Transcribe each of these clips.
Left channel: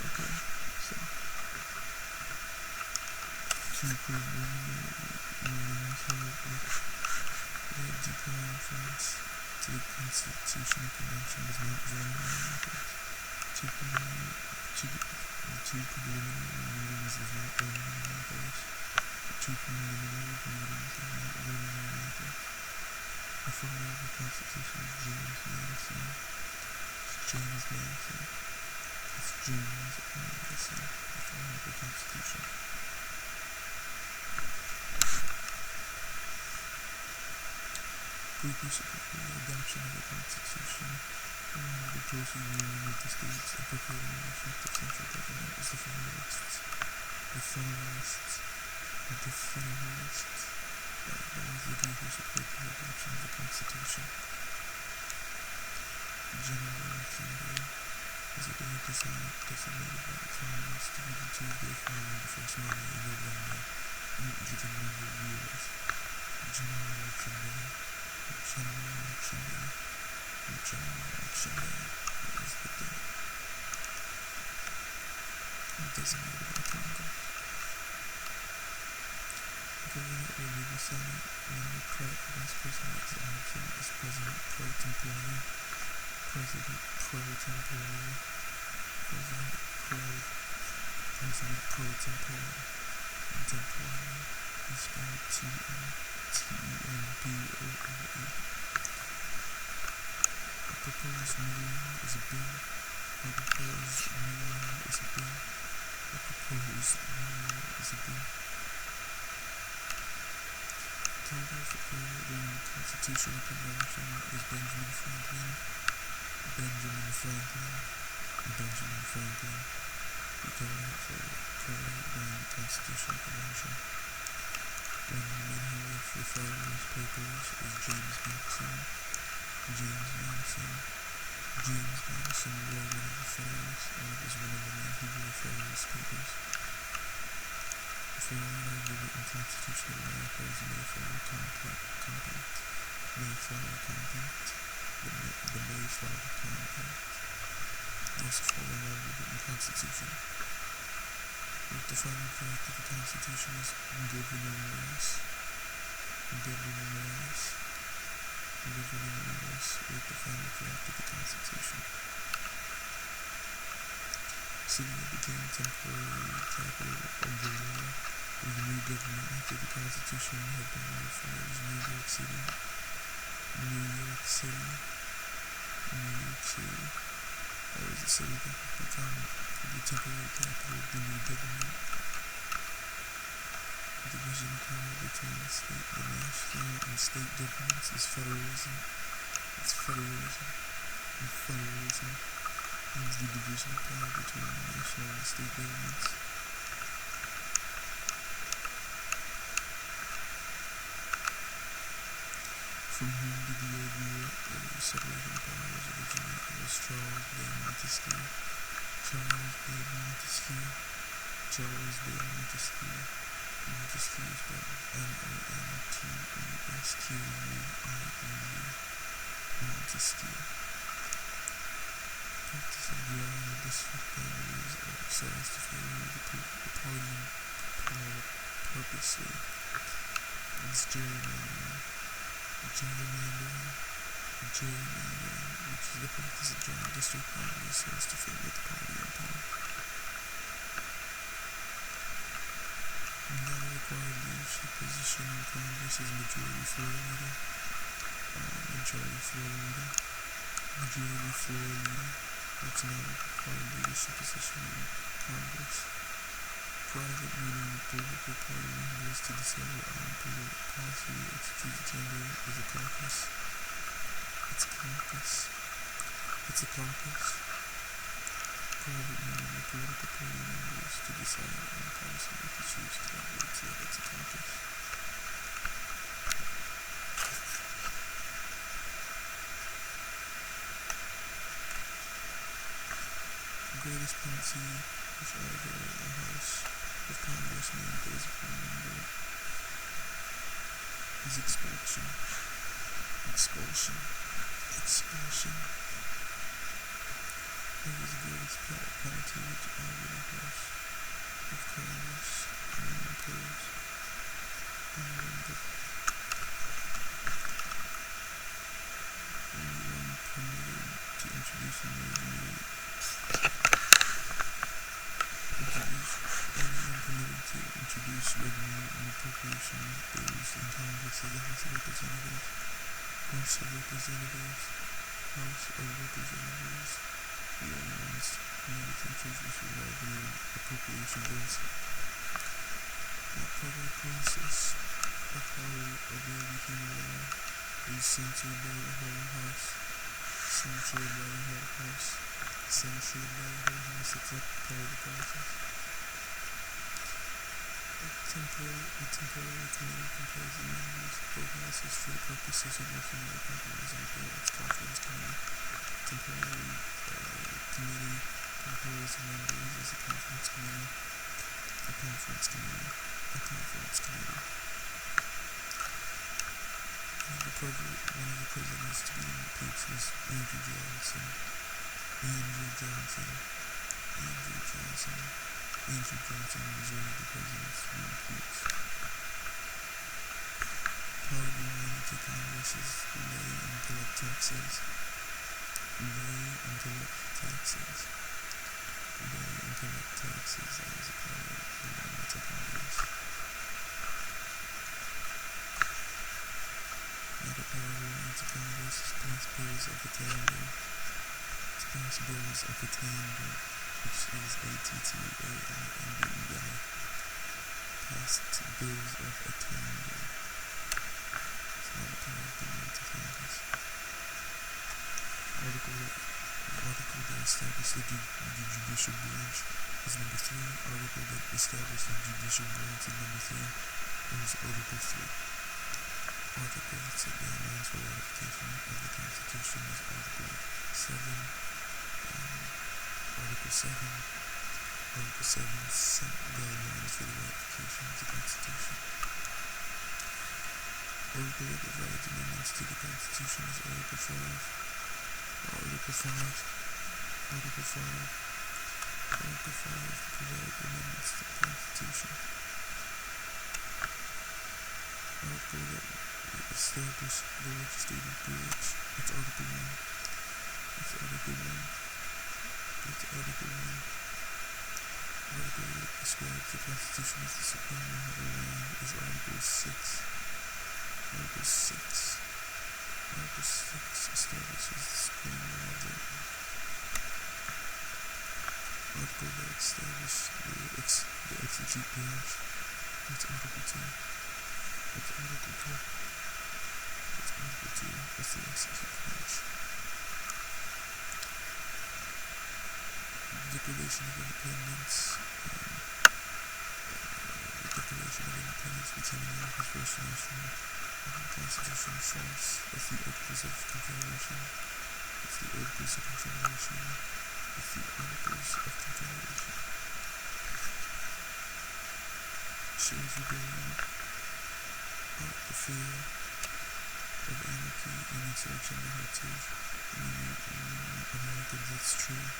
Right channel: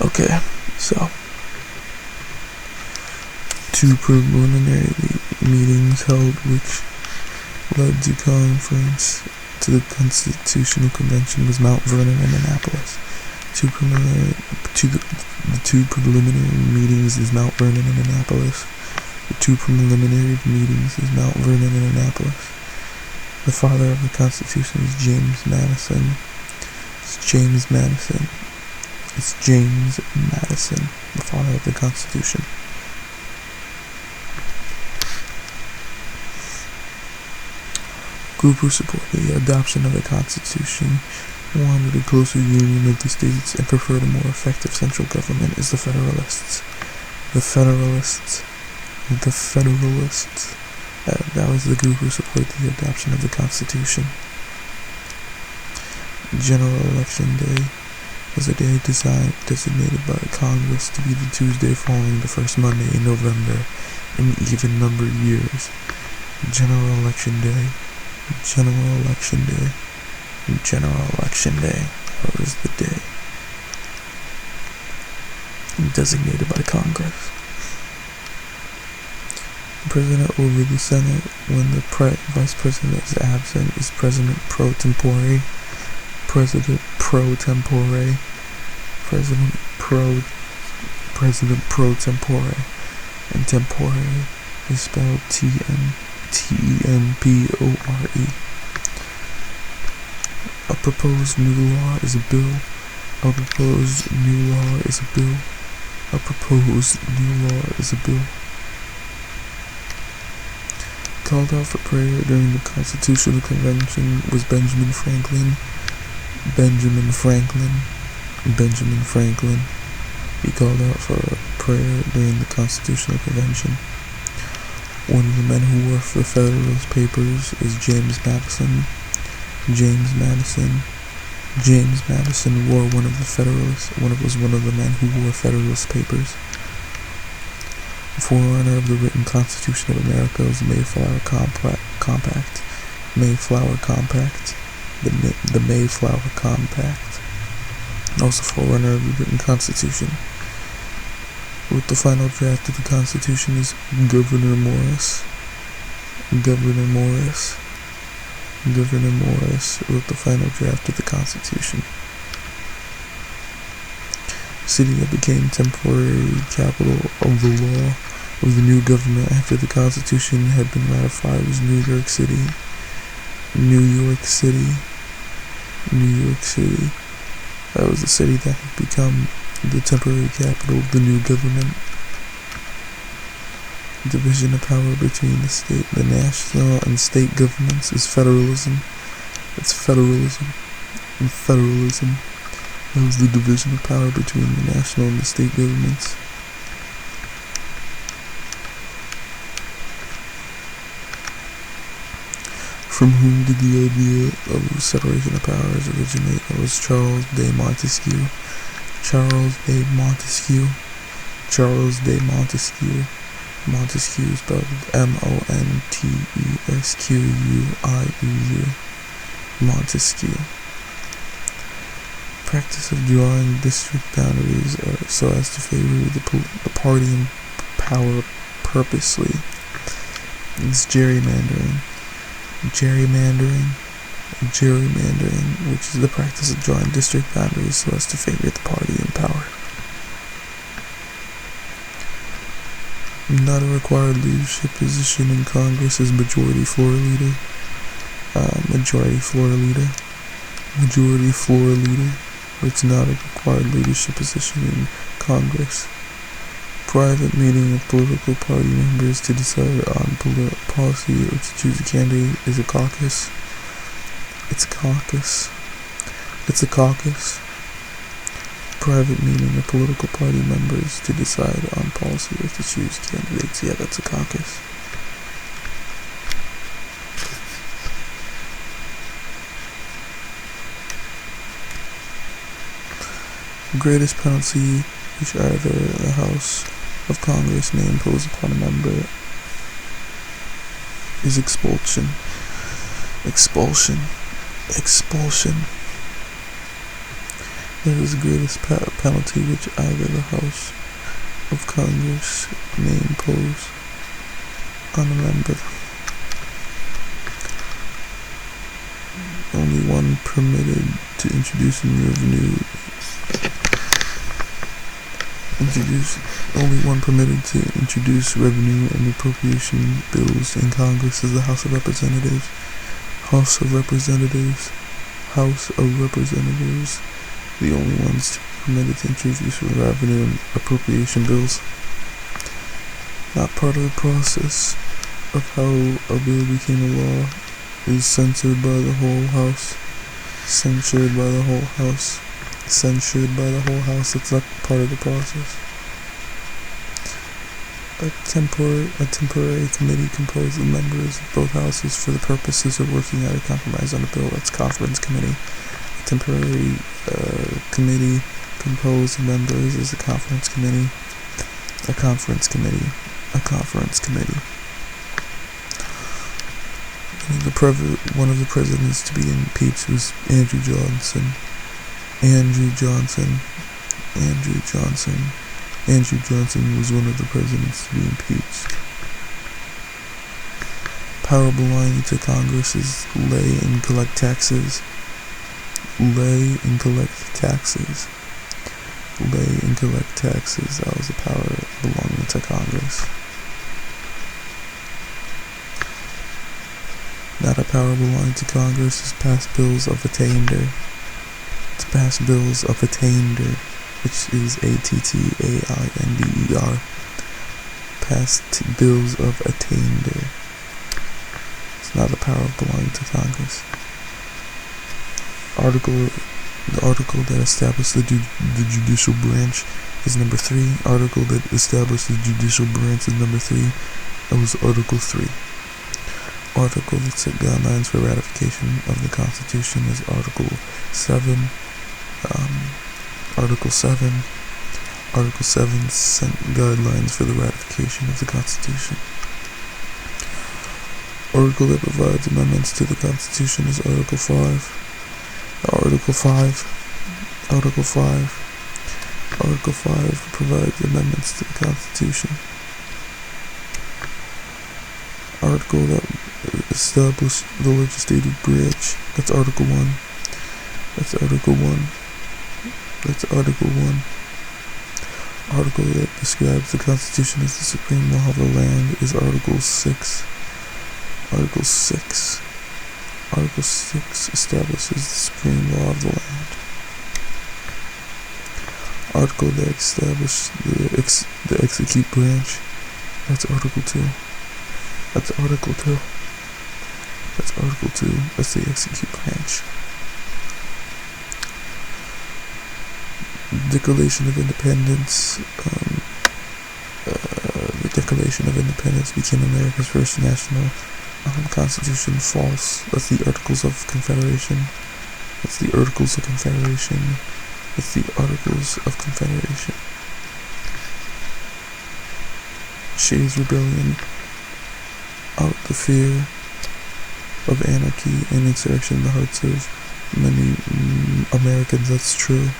Okay, so two preliminary meetings held which led to conference to the Constitutional Convention was Mount Vernon and Annapolis. The two preliminary meetings is Mount Vernon and Annapolis. The two preliminary meetings is Mount Vernon and Annapolis. The father of the Constitution is James Madison. It's James Madison. It's James Madison, the father of the Constitution. Group who supported the adoption of the Constitution wanted a closer union of the states and preferred a more effective central government is the Federalists. That was the group who supported the adoption of the Constitution. General Election Day was a day designated by Congress to be the Tuesday following the first Monday in November in even-numbered years. General Election Day. That was the day designated by Congress. President over the Senate when the Vice President is absent is President pro tempore. President pro tempore. And tempore is spelled T-E-M-P-O-R-E. A proposed new law is a bill. Called out for prayer during the Constitutional Convention was Benjamin Franklin. He called out for prayer during the Constitutional Convention. One of the men who wore the Federalist Papers is James Madison. James Madison wore one of the men who wore Federalist Papers. The forerunner of the written Constitution of America was the Mayflower Compact. The Mayflower Compact. Also forerunner of the written Constitution. With the final draft of the Constitution is Gouverneur Morris. Gouverneur Morris wrote the final draft of the Constitution. The city that became temporary capital of the law of the new government after the Constitution had been ratified was New York City. That was the city that had become the temporary capital of the new government. Division of power between the national and state governments is federalism. It's federalism. That was the division of power between the national and the state governments. From whom did the idea of separation of powers originate? It was Charles de Montesquieu. Montesquieu spelled Montesquieu. Montesquieu. Practice of drawing district boundaries so as to favor the party in power purposely. It's gerrymandering, which is the practice of drawing district boundaries so as to favor the party in power. Not a required leadership position in Congress is majority floor leader. It's not a required leadership position in Congress. Private meeting of political party members to decide on policy or to choose a candidate is a caucus. It's a caucus. Private meeting of political party members to decide on policy or to choose candidates. Yeah, that's a caucus. The greatest penalty which either the House of Congress may impose upon a member is expulsion. That is the greatest penalty which either the House of Congress may impose on a member. Only one permitted to introduce revenue and appropriation bills in Congress is the House of Representatives. House of Representatives. The only ones permitted to introduce revenue and appropriation bills. Not part of the process of how a bill became a law is censored by the whole House. Censured by the whole House. It's not part of the process. A temporary committee composed of members of both houses for the purposes of working out a compromise on a bill. That's conference committee. A temporary committee composed of members is a conference committee. One of the presidents to be impeached was Andrew Johnson. Andrew Johnson was one of the presidents to be impeached. Power belonging to Congress is lay and collect taxes. That was the power belonging to Congress. Not a power belonging to Congress is pass bills of attainder. To pass bills of attainder, which is ATTAINDER. Pass bills of attainder. It's not a power belonging to Congress. The article that established the judicial branch is number 3. Article that established the judicial branch is number 3. That was Article 3. Article that set guidelines for ratification of the Constitution is Article 7. Article 7 set guidelines for the ratification of the Constitution. Article that provides amendments to the Constitution is Article 5. Article 5 provides amendments to the Constitution. Article that established the legislative branch. That's Article 1. Article that describes the Constitution as the supreme law of the land is Article 6. Article 6 establishes the supreme law of the land. Article that established the execute branch. That's Article 2. That's the execute branch. Declaration of Independence. The Declaration of Independence became America's first national constitution. False. That's the Articles of Confederation. Shays' Rebellion. Out the fear of anarchy and insurrection in the hearts of many Americans. That's true.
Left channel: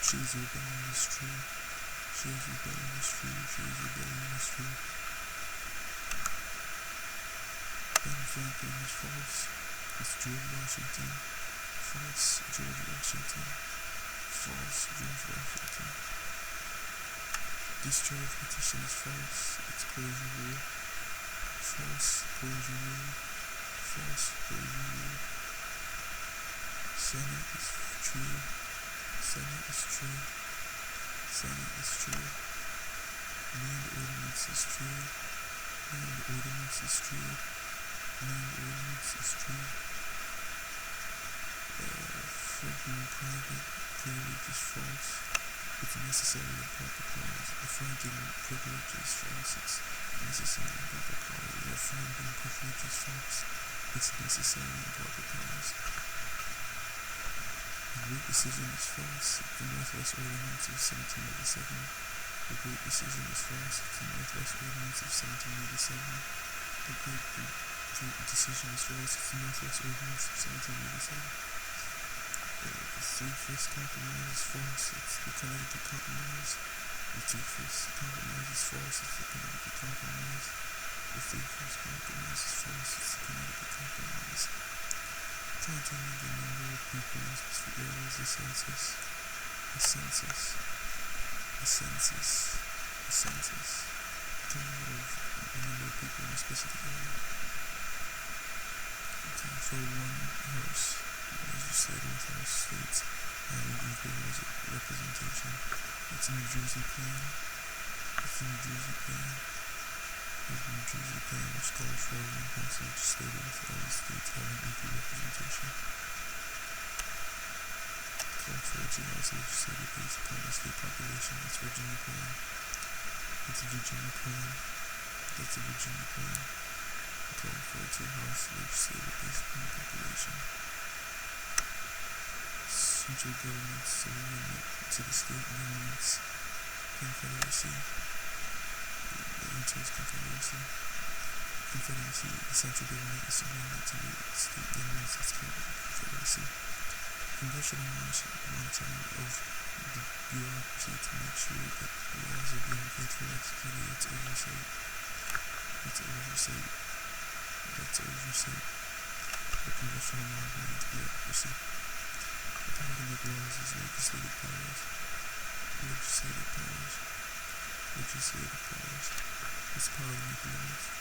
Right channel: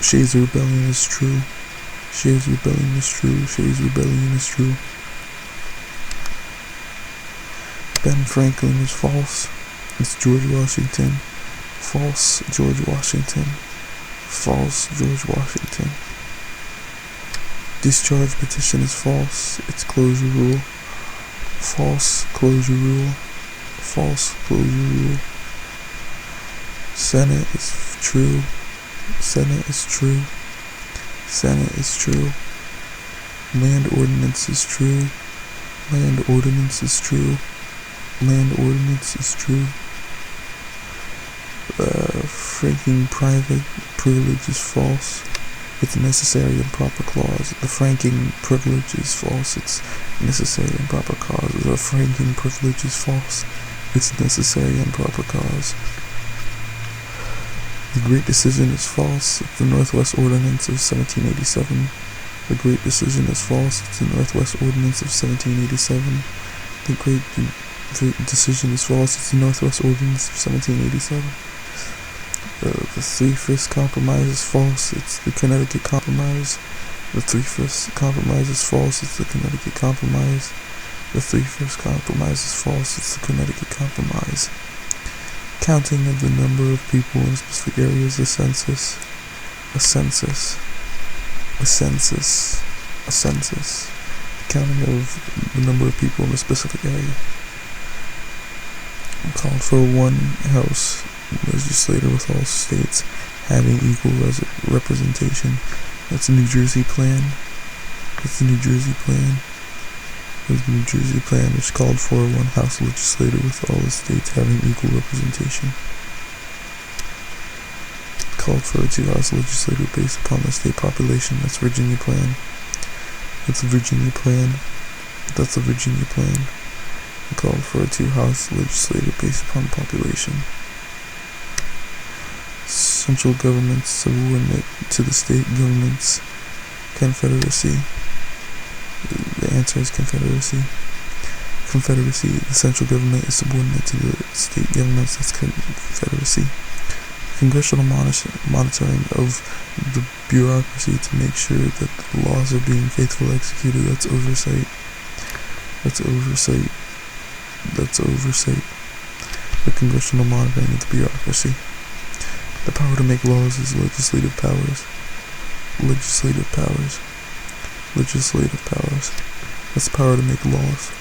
Shays' Rebellion is true. Ben Franklin was false. It's George Washington. False, George Washington. Discharge petition is false. It's closure rule. False, closure rule. Senate is true. Land ordinance is true. Franking private privilege is false. It's necessary and proper clause. The franking privilege is false. It's necessary and proper cause. The franking privilege is false. It's necessary and proper cause. The Great Decision is false. It's the Northwest Ordinance of 1787. The Great Decision is false. It's the Northwest Ordinance of 1787. The Great Decision is false. It's the Northwest Ordinance of 1787. The Three-Fifths Compromise is false. It's the Connecticut Compromise. The Three-Fifths Compromise is false. It's the Connecticut Compromise. The Three-Fifths Compromise is false. It's the Connecticut Compromise. Counting of the number of people in specific areas. A census. A census. A census. A census. Counting of the number of people in a specific area. Called for one House legislator with all states having equal representation. That's the New Jersey plan. That's the New Jersey plan. There's the New Jersey plan, which called for one House legislator with all the states having equal representation. Called for a 2-House legislator based upon the state population. That's Virginia plan. That's the Virginia plan. That's the Virginia plan. Called for a 2-House legislator based upon population. Central government subordinate to the state governments. Confederacy. The answer is Confederacy. Confederacy. The central government is subordinate to the state governments. That's Confederacy. Congressional monitoring of the bureaucracy to make sure that the laws are being faithfully executed. That's oversight. That's oversight. That's oversight. The congressional monitoring of the bureaucracy. The power to make laws is legislative powers. Legislative powers. Legislative powers. That's the power to make laws.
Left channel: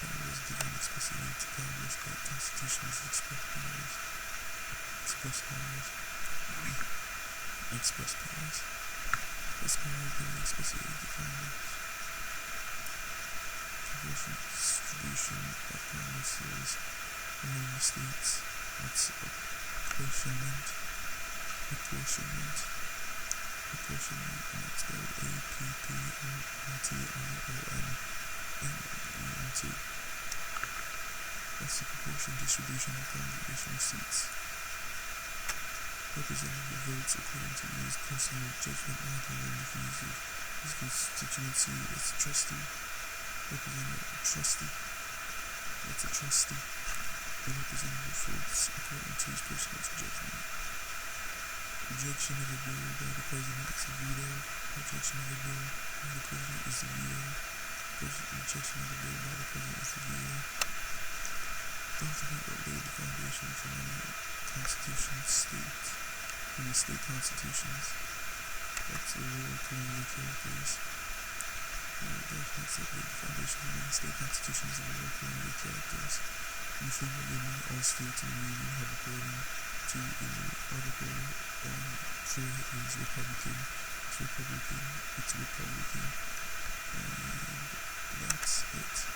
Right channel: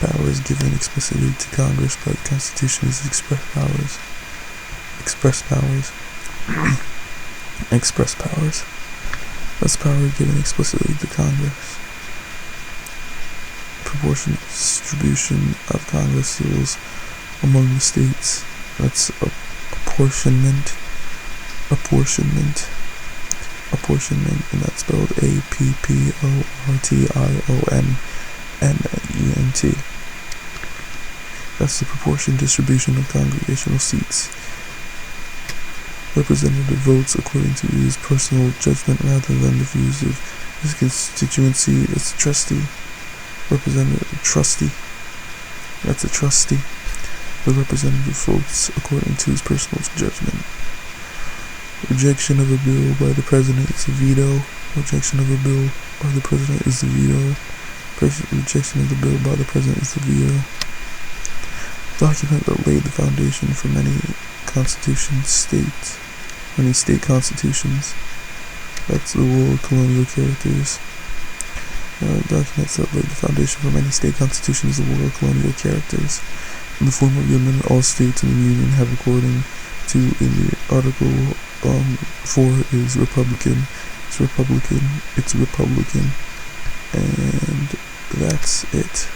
Power is given explicitly to Congress by the Constitution as express powers. Express powers. Express powers. That's power given explicitly to Congress. Proportionate distribution of Congress rules among the states. That's apportionment. Apportionment. Apportionment, and that's spelled APPORTIONMENT. That's the proportion distribution of congregational seats. Representative votes according to his personal judgment rather than the views of his constituency. That's a trustee. Representative trustee. That's a trustee. The representative votes according to his personal judgment. Rejection of a bill by the president is a veto. Rejection of a bill by the president is a veto. Rejection of the bill by the president is a veto. Document that laid the foundation for many state constitutions. That's the War of Colonial Characters. Documents that laid the foundation for many state constitutions, the War of Colonial Characters. In the form of the amendment, all states in the Union have according to in the Article 4 is Republican. It's Republican. It's Republican. And that's it.